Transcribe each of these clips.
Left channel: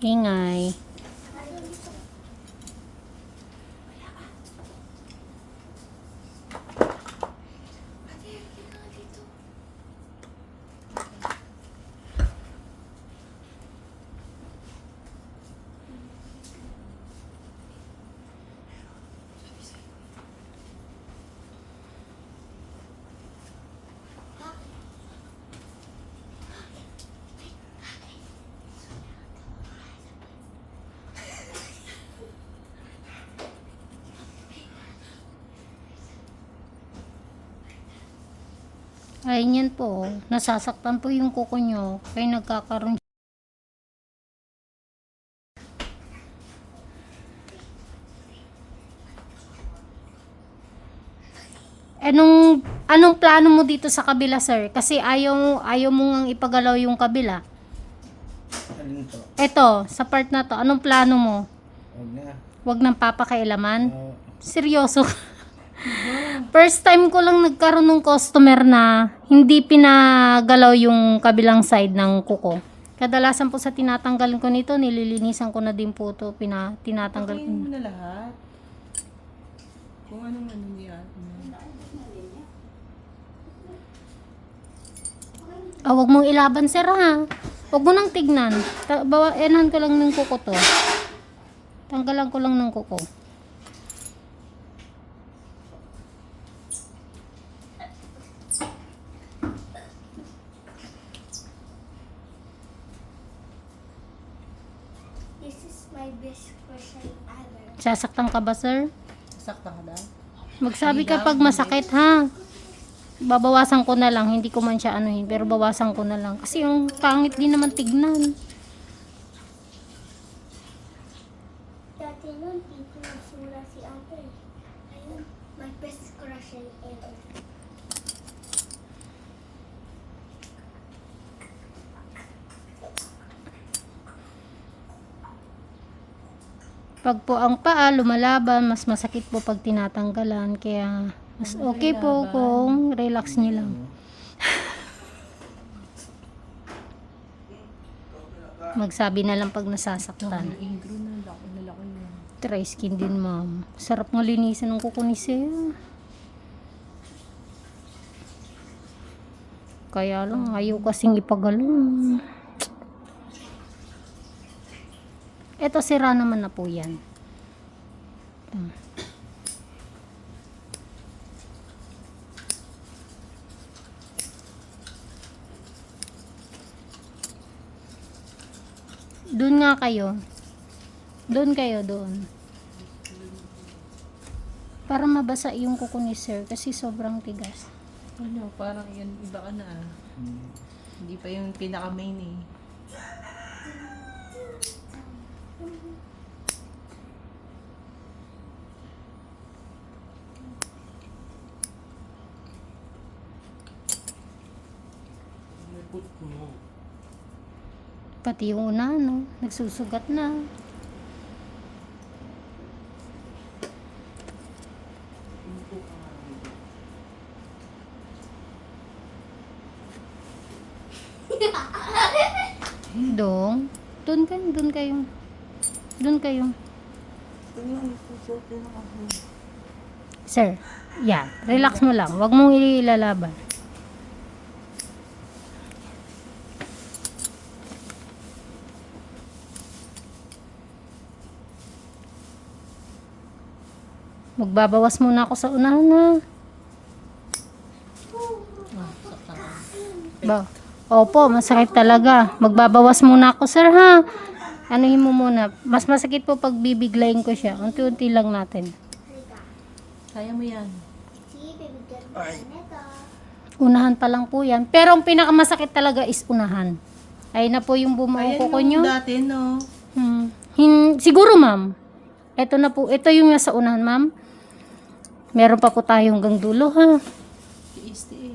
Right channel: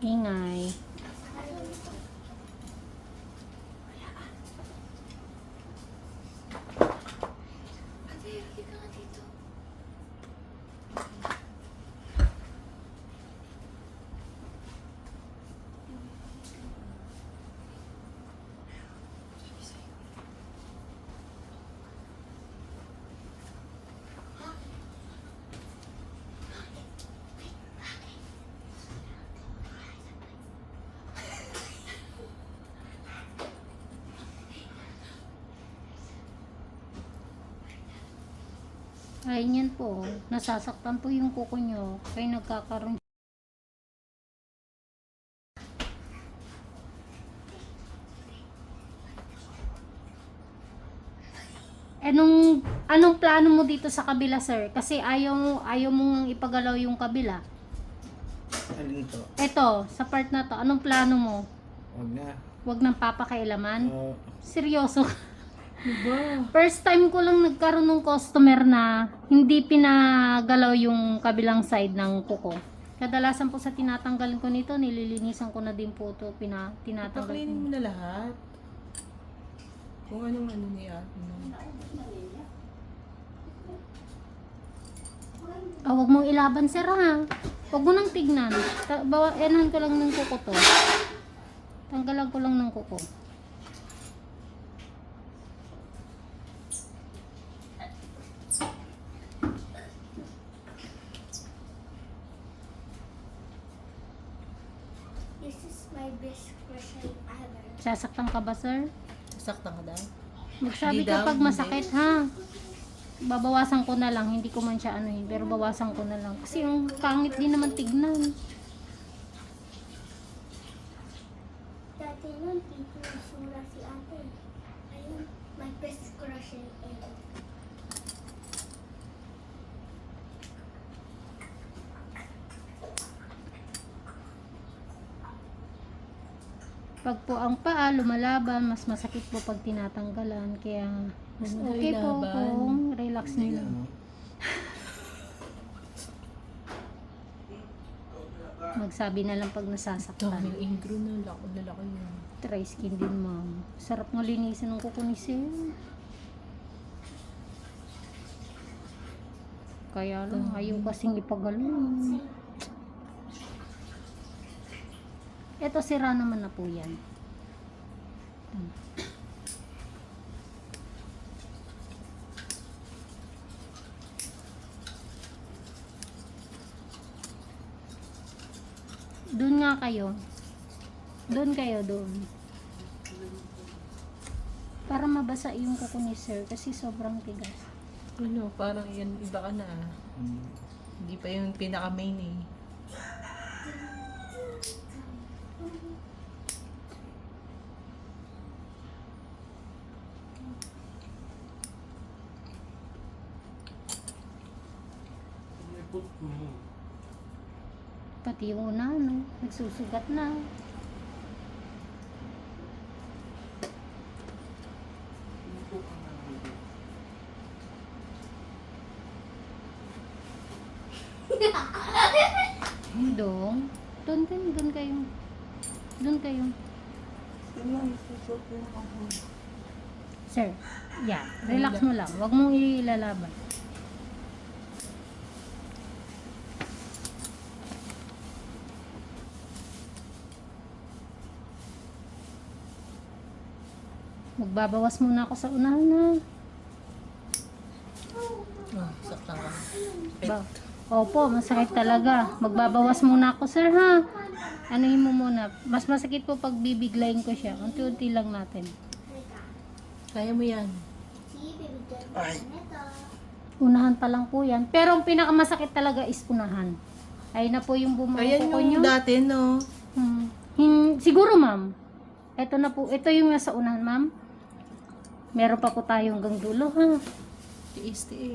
Ingay. Ayun yan po. Nasasaktan po yung kuko nyo. Kaya nagkakaroon. Anong plano mo dito sa kabila, sir? Kasi ayaw mo ngang ipagalaw yung kabila. Alin to? Eto, sa part na to, anong plano mo? Huwag na. Huwag nang papakailaman? Oo. Seryoso? First time ko lang nagkaroon ng customer na hindi pinagalaw yung kabilang side ng kuko. Kadalasan po sa tinatanggal ko nito, nililinisan ko na din po ito, tinatanggal ko. Pakainin mo na lahat. Kung anong ano niya. Ah, wag mong ilaban, sir, ha? Wag mo nang tignan. Enan ko lang ng kuko to. Tanggalan ko lang ng kuko. This is my best question ever. Sasaktan ka ba, sir? Sakta ka daw. Magsabi Hindi ka daw, pag hindi. masakit, ha? Babawasan ko na lang, hindi ko man siya anuhin, pero bawasan ko na lang. Kasi yung pangit din naman tignan. Dati nun, dito nagsula si ate. Ayun, my best question ever. Pag po ang paa lumalaban, mas masakit po pag tinatanggalan. Kaya mas okay po kung relax nyo lang. Magsabi na lang pag nasasaktan. Yung ingro na laki yun. Dry skin din, ma'am. Sarap ng linisan ng kuko ni sir. Kaya lang, ayaw kasing ipagalaw. Eto, sira naman na po yan. Doon nga kayo. Doon kayo, doon. Para mabasa yung kuko ni sir kasi sobrang tigas. Ano, parang yan, iba ka na ah. Hindi pa yung pinaka-main eh. Pati yung una, no? Nagsusugat na. Dong. Doon kayo, doon kayo. Doon kayo. Sir, yan. Relax mo lang. Huwag mong ilalaban. Magbabawas muna ako sa unahan, ha? Oh, sakta ka. Ba? Opo, masakit talaga. Magbabawas muna ako, sir, ha? Anuhin mo muna. Mas masakit po pag bibiglayin ko siya. Unti-unti lang natin. Kaya mo yan. See, bibigyan ko na ito. Unahan pa lang po yan. Pero ang pinakamasakit talaga is unahan. Ayun na po yung Ayan bumuko yung nyo. dati, no? Siguro, ma'am. Ito na po. Ito yung nasa unahan, ma'am. Meron pa po tayo hanggang dulo, ha? Tiis. Hindi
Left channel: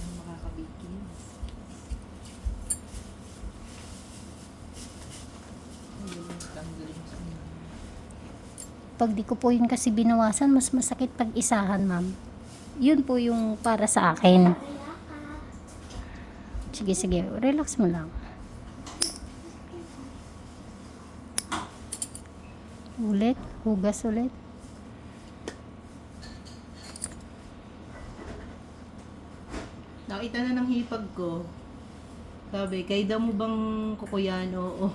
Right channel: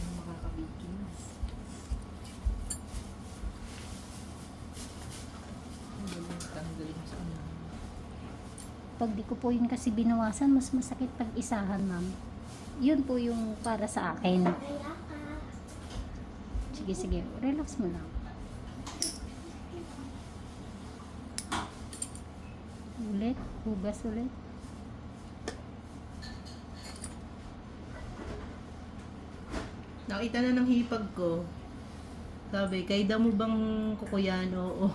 na makakabigis. Tanggalin sa ano. Pag di ko po yun kasi binawasan, mas masakit pag isahan, ma'am. Yun po yung para sa akin. Kaya ka. Sige, sige. Relax mo lang. Ulit. Hugas ulit. Nakita na ng hipag ko. Sabi, kayda mo bang kukuyan? Oo.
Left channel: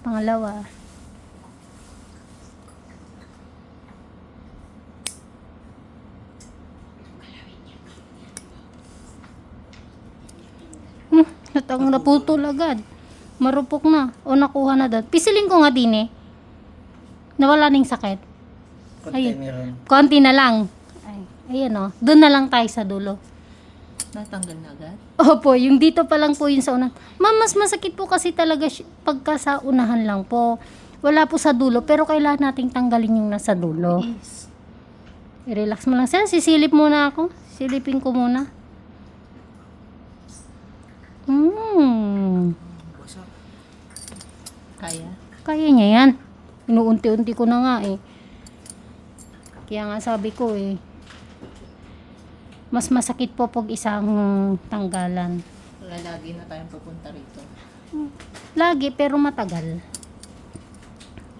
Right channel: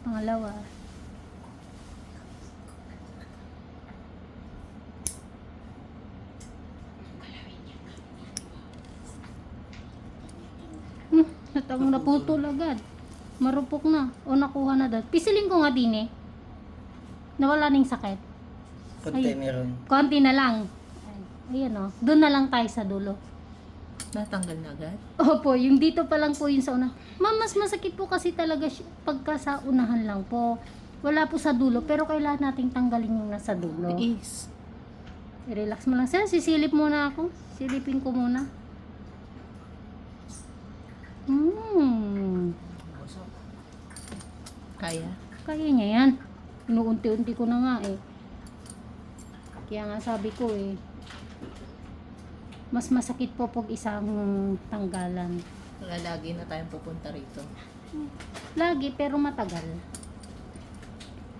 Pangalawa. Natang naputol agad. Marupok na. O nakuha na dad. Pisilin ko nga din eh. Nawala na yung sakit. Konti Ay. meron. Konti na lang. Ay, ayan o. Doon na lang tayo sa dulo. Natanggal na agad? Opo, yung dito pa lang po yung sa unahan. Ma'am, mas masakit po kasi talaga pagka sa unahan lang po. Wala po sa dulo, pero kailangan nating tanggalin yung nasa dulo. Is. Relax mo lang. Sir, sisilip muna ako. Silipin ko muna. Kaya? Kaya niya yan. Inuunti-unti ko na nga eh. Kaya nga sabi ko eh. Mas masakit po pag isang tanggalan. Kaya lagi na tayong pupunta rito. Lagi pero matagal.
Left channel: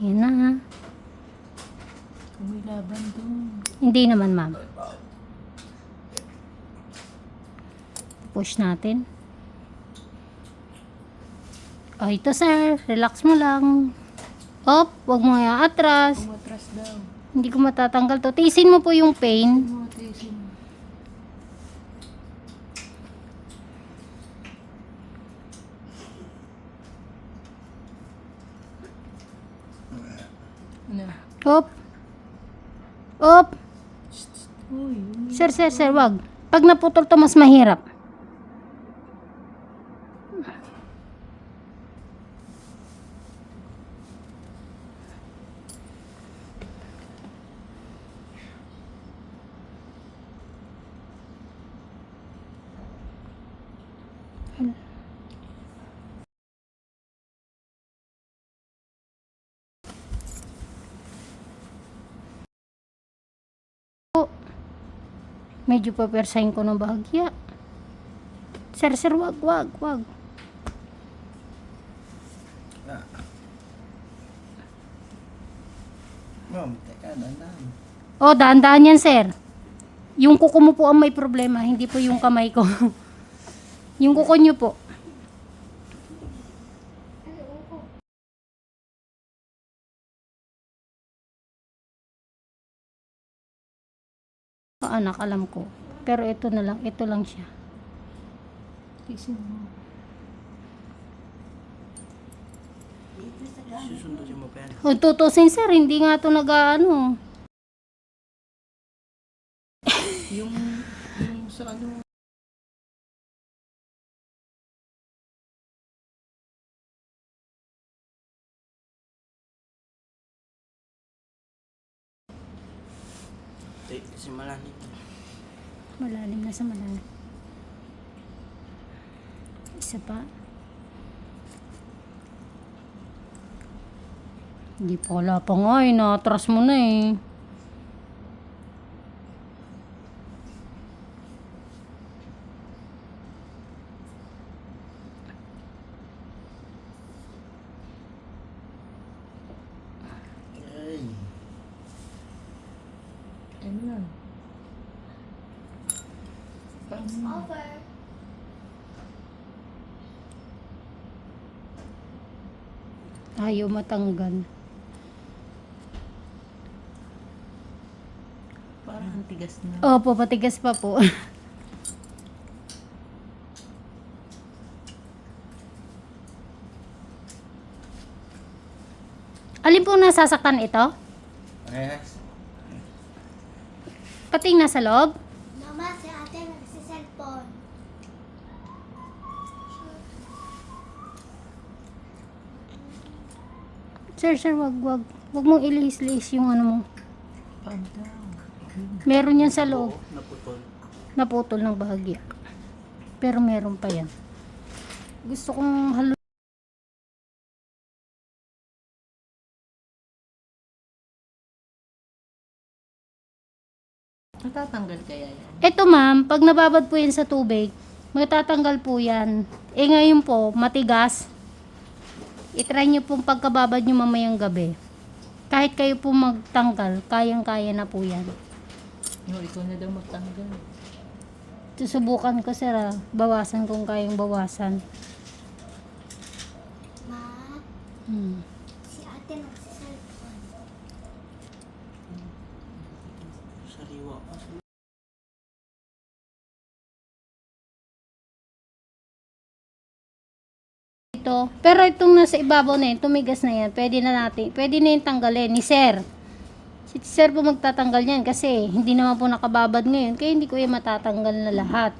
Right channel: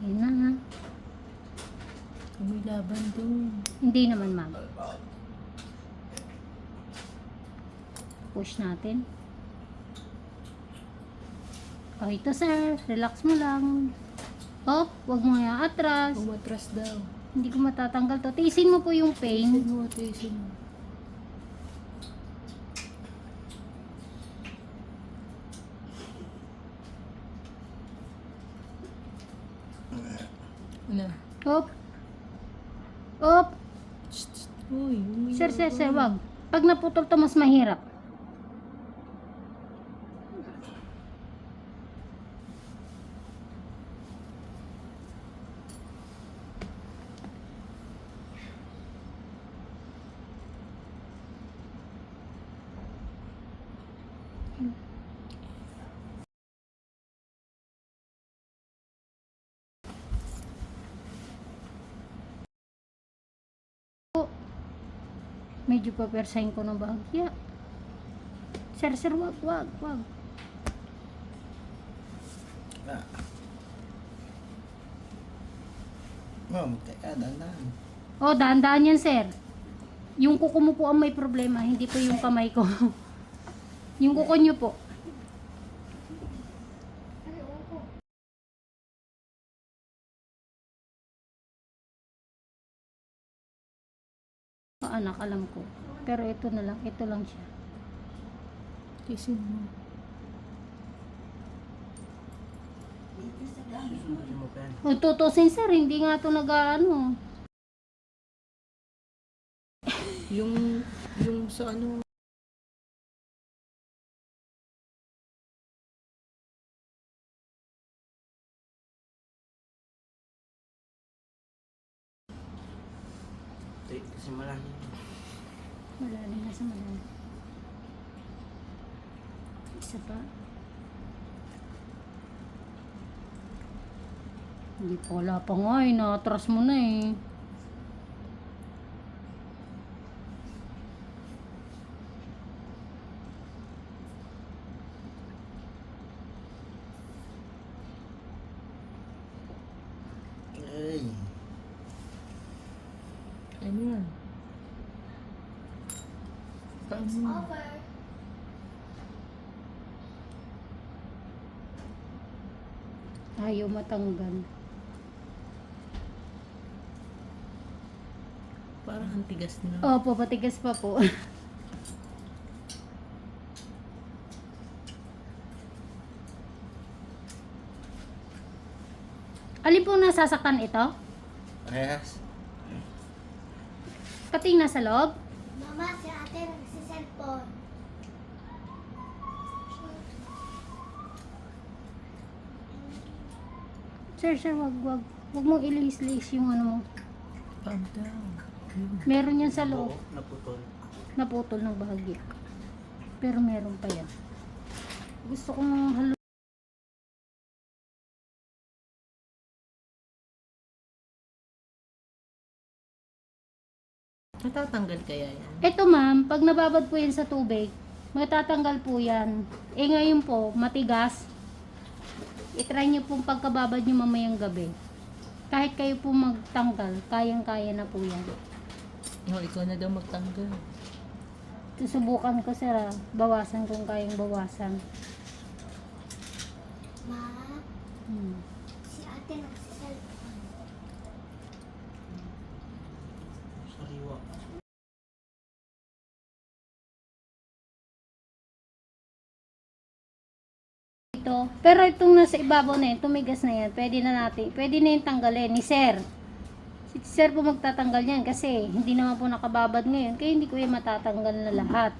Yan na ha. May laban dun. Hindi naman ma'am. Push natin. Oh, ito sir. Relax mo lang. Hop, wag mo atras. Umatras daw. Hindi ko matatanggal to. Tiisin mo po yung pain. Umatras. Na. Hop. Hop. Uy. Sir, wag. Pag naputol to, mas mahirap. Medyo papersahin ko ng bahagya. Sir, wag. Ah. Oh, teka, dandan. Oh, daan-daan yan, sir. Yung kuko mo po ang may problema, hindi po yung kamay ko. Yung kuko nyo po. Oh, anak, alam ko. Pero ito lang siya. Tisin mo. Susundusin mo pa yan. Kung tutusin, sir, hindi nga ito nag-ano. Yung sa ano. Simulan dito. Malalim na sa malalim. Isa pa. Hindi pa, wala pa nga eh. Natras mo na eh. Ay. Ano yan? Paano? Over. Ayaw matanggal. Parang ang tigas na. Opo, patigas pa po. Alin po nasasaktan ito? Parehas. Pati yung nasa loob? Mama, si ate nagsiselfone. Sir, wag. Wag mong ilihis-lihis yung ano mo. Panta. Meron yan sa loob. Naputol. Naputol ng bahagya. Pero meron pa yan. Gusto kong halu. Matatanggal kaya yan? Ito ma'am, pag nababad po yan sa tubig, matatanggal po yan. Eh ngayon po, matigas. I-try nyo pong pagkababad nyo mamayang gabi. Kahit kayo po magtanggal, kayang-kaya na po yan. Oh, ikaw na daw magtanggal. Susubukan ko sir bawasan kung kayang bawasan. Ma, Hmm. si ate nagsiselfon. Sariwa. Ito, pero itong nasa ibabaw na yan, tumigas na yan, pwede na yung tanggalin ni sir. Si sir po magtatanggal yan kasi hindi naman po nakababad ngayon, kaya hindi ko yan matatanggal na lahat.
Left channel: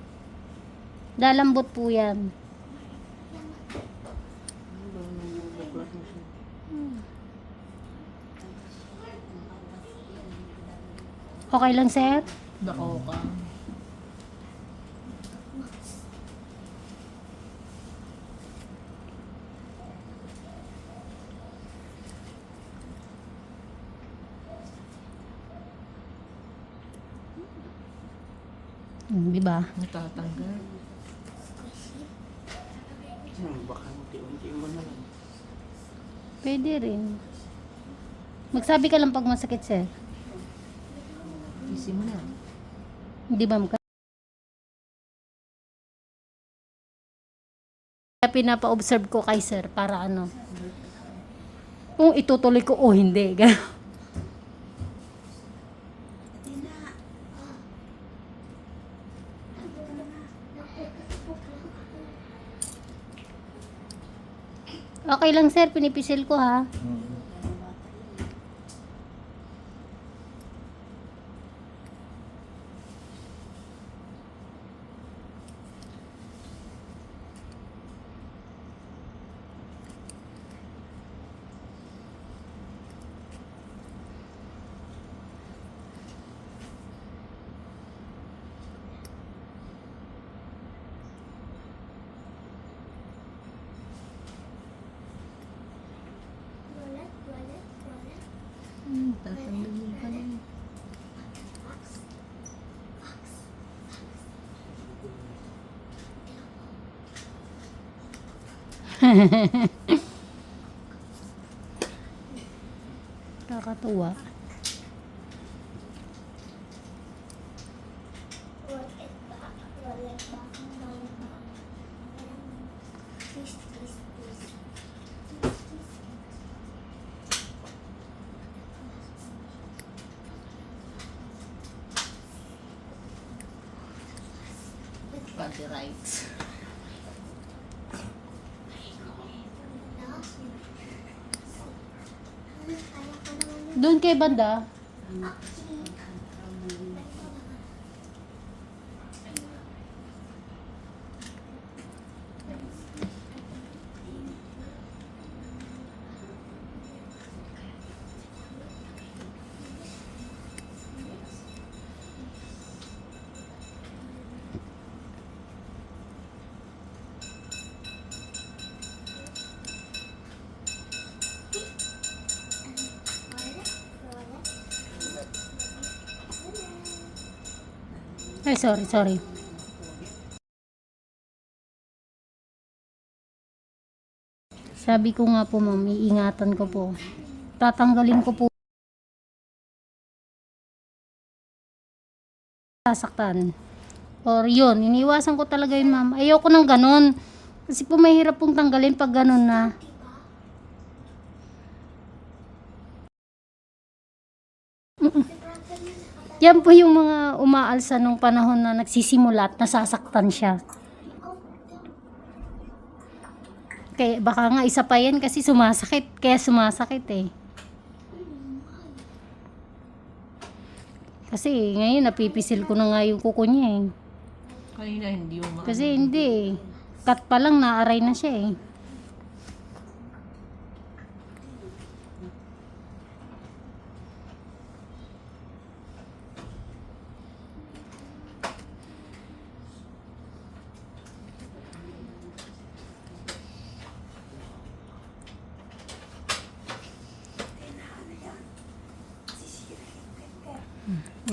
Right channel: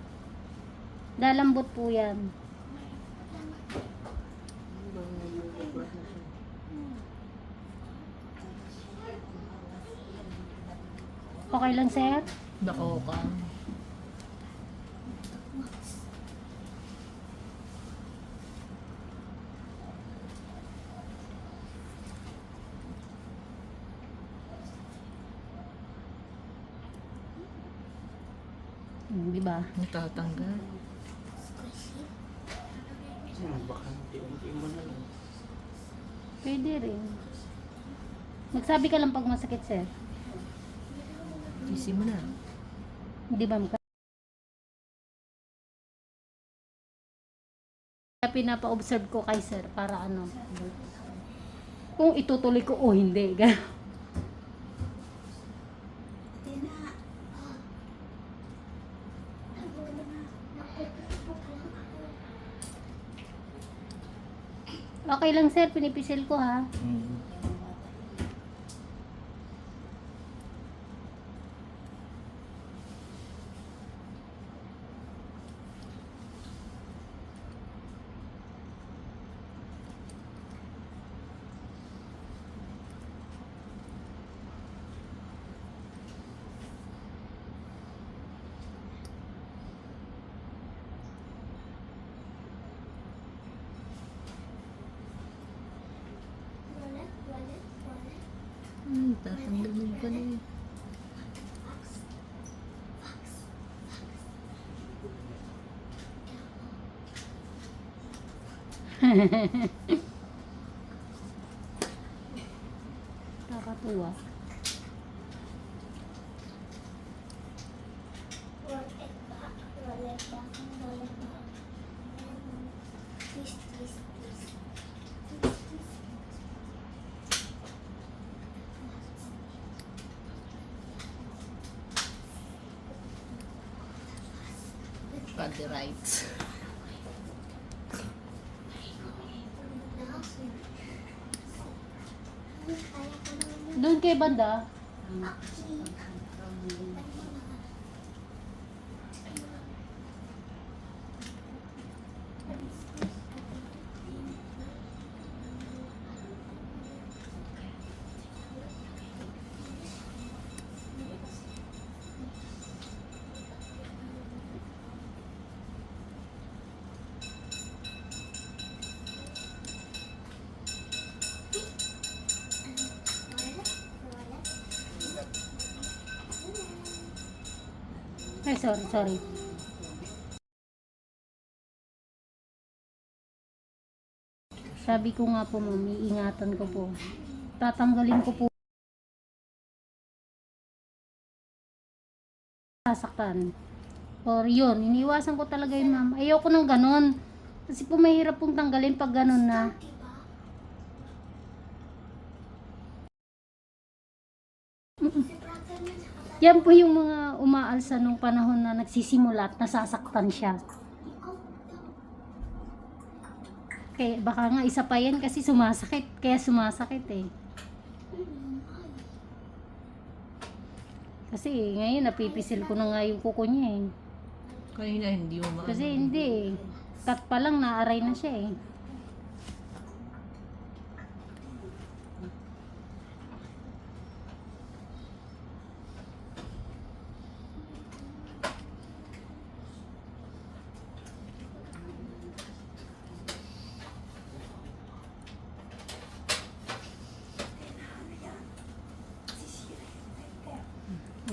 Lalambot po yan. Okay lang sir? Bako ka. Di ba? Matatanggal. Baka unti-unti mo lang. Pwede rin. Magsabi ka lang pag masakit sir. Isi mo na. Di ba? Kaya pinapa-observe ko kay sir para ano. Kung itutuloy ko o hindi. Okay lang sir, pinipisil ko ha. Wallet, wallet, wallet. Tatanggal mo pala eh. Nakakatuwa. Wallet back, wallet back, wallet back. Please, please, please. Please, please. Copyrights. Doon kay banda. Ay, sorry. Sabi ko nga po ma'am, iingatan ko po. Tatanggalin ko po. Sasaktan. Or yun, iniwasan ko talaga yun ma'am. Ayoko nang ganon. Kasi po mahirap pong tanggalin pag ganon na. Yan po yung mga umaalsa nung panahon na nagsisimula at nasasaktan siya. Kaya baka nga isa pa yan kasi sumasakit. Kaya sumasakit eh. Kasi ngayon napipisil ko na nga yung kuko niya eh. Kanina hindi mo Kasi hindi eh. Cut pa lang naaray na siya eh.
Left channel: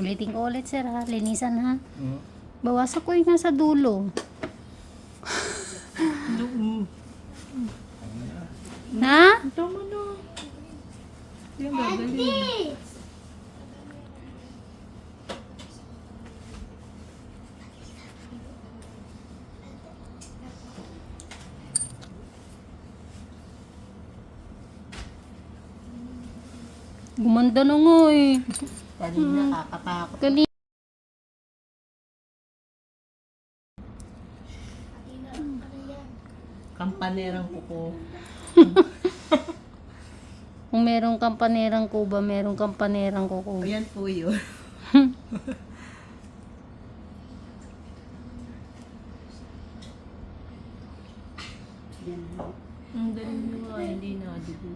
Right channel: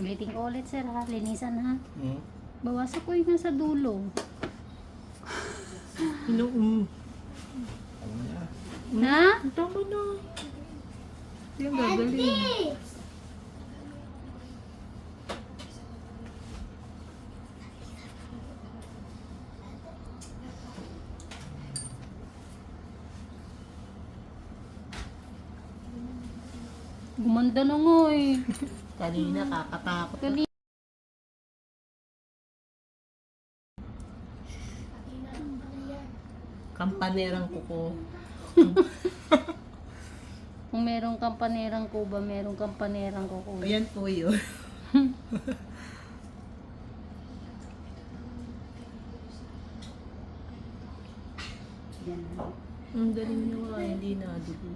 Ulitin ko ulit sir ha. Linisan ha. Hmm? Bawasan ko yung nasa dulo. Hello. Na? Tama na. Yan gagaling. Gumanda na nga eh. Kanina kakatakot. Gali. Kampanerang kuko. Kung merong kampanerang kuba, merong kampanerang kuko. Ayan po yun. Ang dali na nga, hindi na dugo.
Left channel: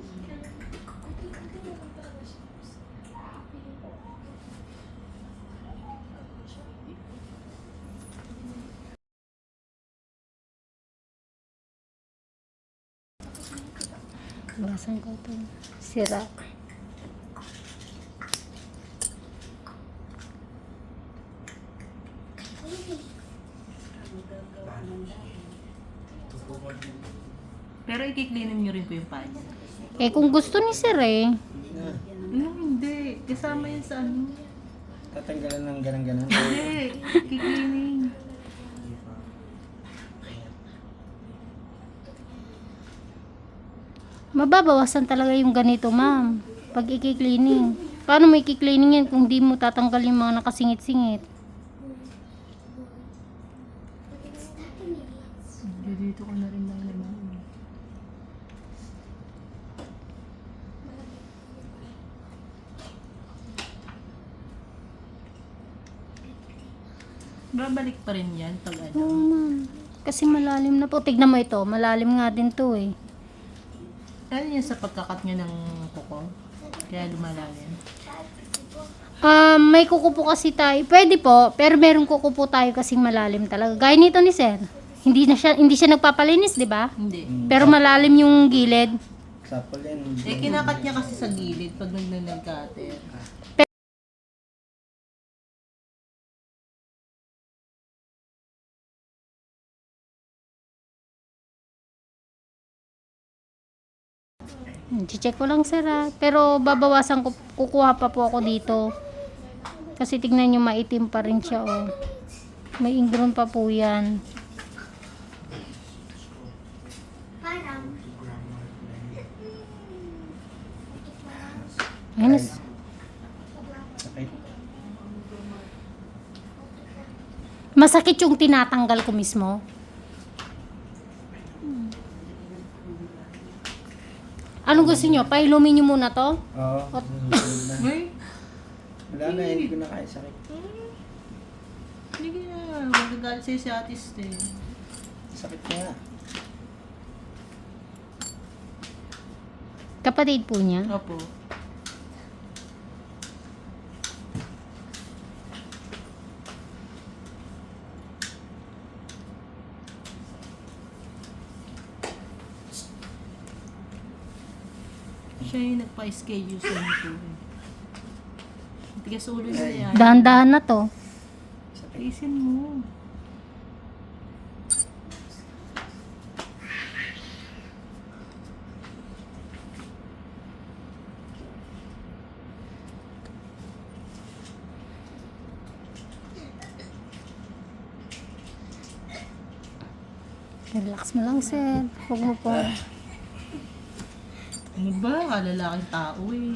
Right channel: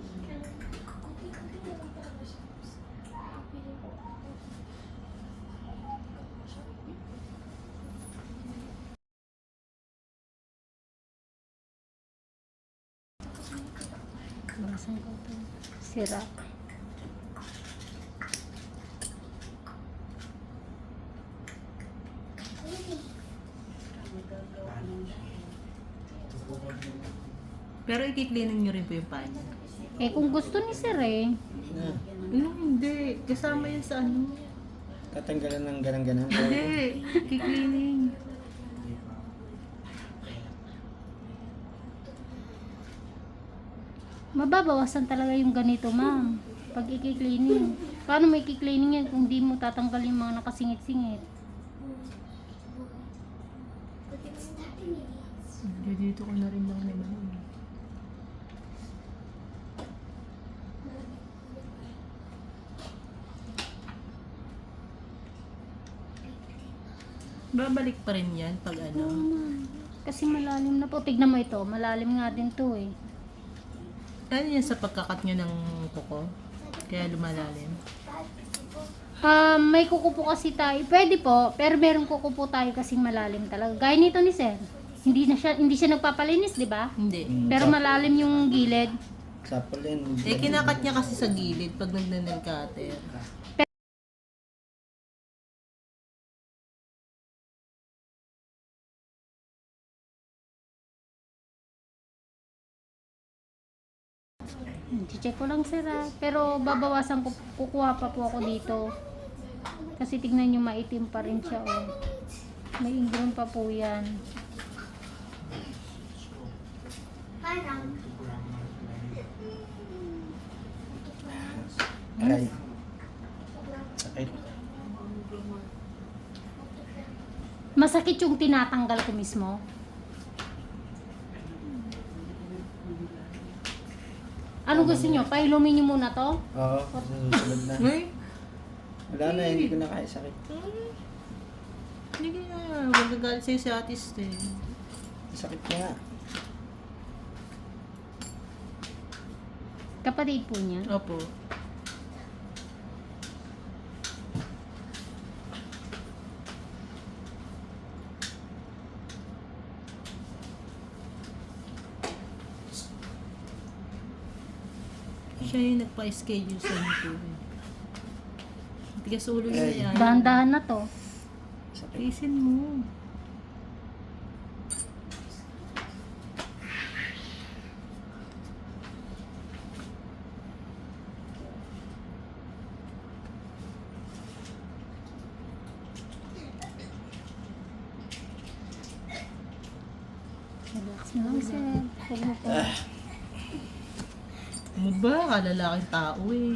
Bawasan ko ito. Sira. Pero ikiklinan nyo rin po yung paa niya. Eh kung gusto ni sir eh. Hindi. Kasama yun sa ano niya. Tatanggalan ng ganang-ganan. Hindi. Kiklinin. Mababawasan talaga yung ganito ma'am. Pag i-cleaning. Paano may i-cleaning yan kung di mo tatanggal yung mga nakasingit-singit? Dito ko na rin lang naman. Babalik pa rin yan pag ano. Oo ma'am. Kasi malalim na po. Tignan mo ito. Malalim nga din to eh. Ano yan sa pagkakat nyo ng kuko? Kaya lumalalim. May kuko po kasi tayo. Pwede po, pero meron kuko po tayo kasing malalim talaga. Gaya nito ni sir. Hindi siya nagpapalinis, di ba? Hindi. Pero malalim yung gilid. Sapol yan. Eh, kinakat niya kasi sa gilid pag nagnanagkater. Check ko lang sir ha. Pero babawasan ko, kukuha pa po ako dito. Kasi tignan nyo maitim pa rin siya oh. May ingrown pa po yan. Parang, Ayun, Sakit. masakit yung tinatanggal ko mismo. Anong gusto nyo? Pailumin nyo muna to? Oo. Susunod na. Ay, Wala na, hindi ko na kaya sakit. hindi na. Magagalit sa'yo si Ate Stay. Sakit ko nga. Kapatid po niya. Opo. Siya yung nagpa-schedule sa nito. Tigas ulo niya yan. Dahan-dahan na to. Isin mo. Relax mo lang sir. Huwag mo po. Ano ba? Kalalaking tao eh.